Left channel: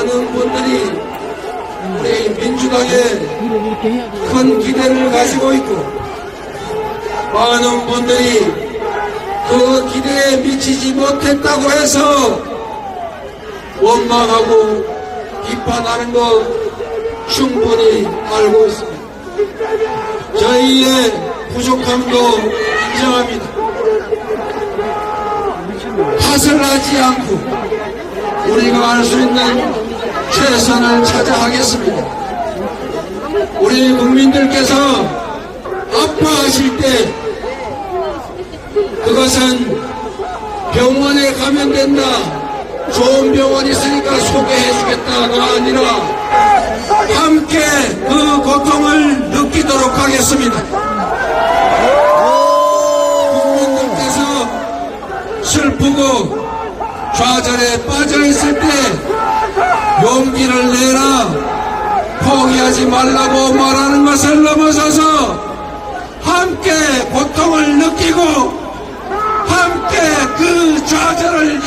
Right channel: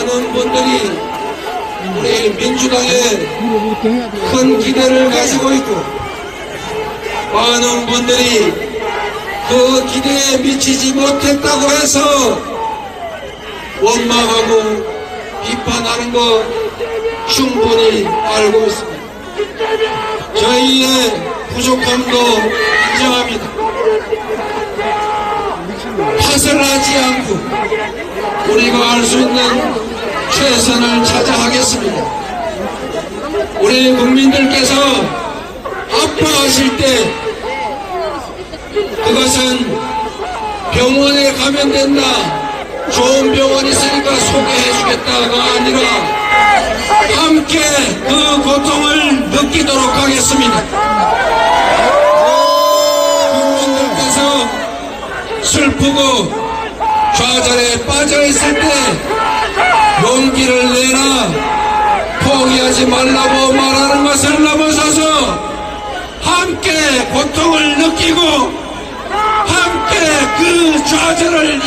많은 분들이 우리 민주당에 큰 기대를 가지고 있고 많은 분들이 그 기대에 미치지 못했다고 해서 원망하고 비판하는 거 충분히 알고 있습니다. 저희의 부족함도 인정합니다. 탓을 하지 않고 우리가 할수 있는 최선을 찾아 하겠습니다. 우리 국민들께서 아파하실 때 그것은 병원에 가면 된다. 좋은 병원 있으니까 소개해 주겠다가 아니라 함께 그 고통을 느끼도록 하겠습니다. 슬프고 좌절에 빠져있을 때 용기를 내라. 포기하지 말라고 말하는 것을 넘어서서 함께 고통을 느끼고 함께 그 좌절을